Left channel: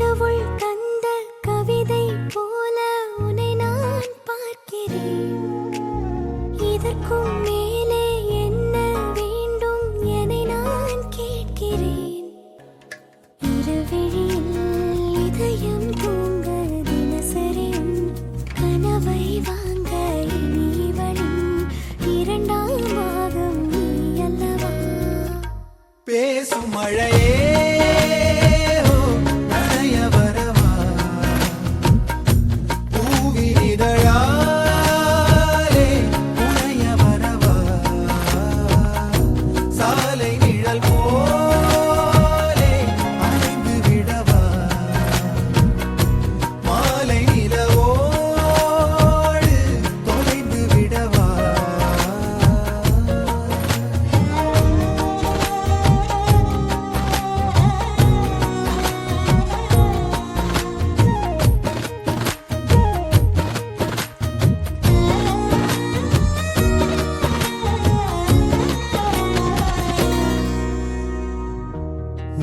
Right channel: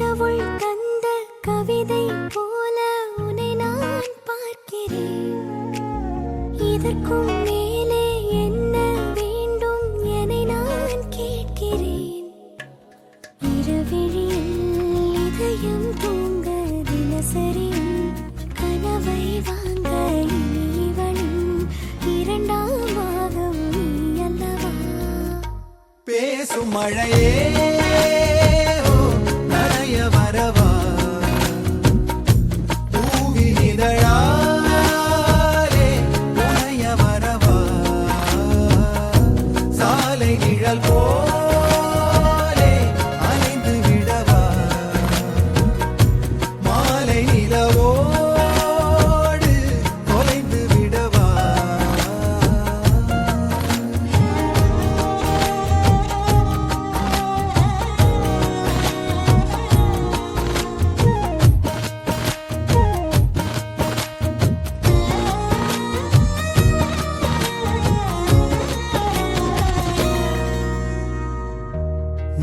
கடவுள் தந்த கவிதை போல உன்னை நான் பார்க்கிறேன். இதற்கும் மேலே என்ன வேண்டும் என நான் கேட்கிறேன். இருவிழியில் இதயம் தூங்க தினசரியும் கனவை வாங்க இனி இவளின் இரண்டாம் பாகம் நீ அல்லவா? பேசும் மழையே நனைய வரவா, பூவின் இதழாலே புனைய வரவா, சாலை நிழல் போலே அலைந்து விடவா, மாலை நிலவோடு தொலைந்து விடவா.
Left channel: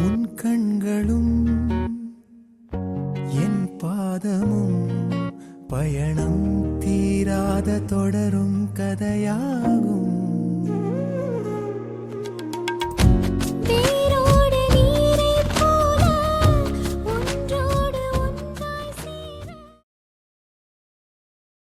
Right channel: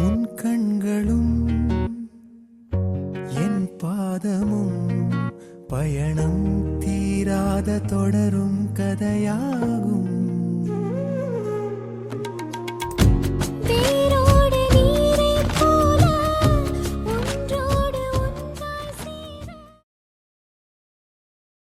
உன் கண்களும் என் பாதமும் பயணம் தீராத தொடரும் கதையாகும்.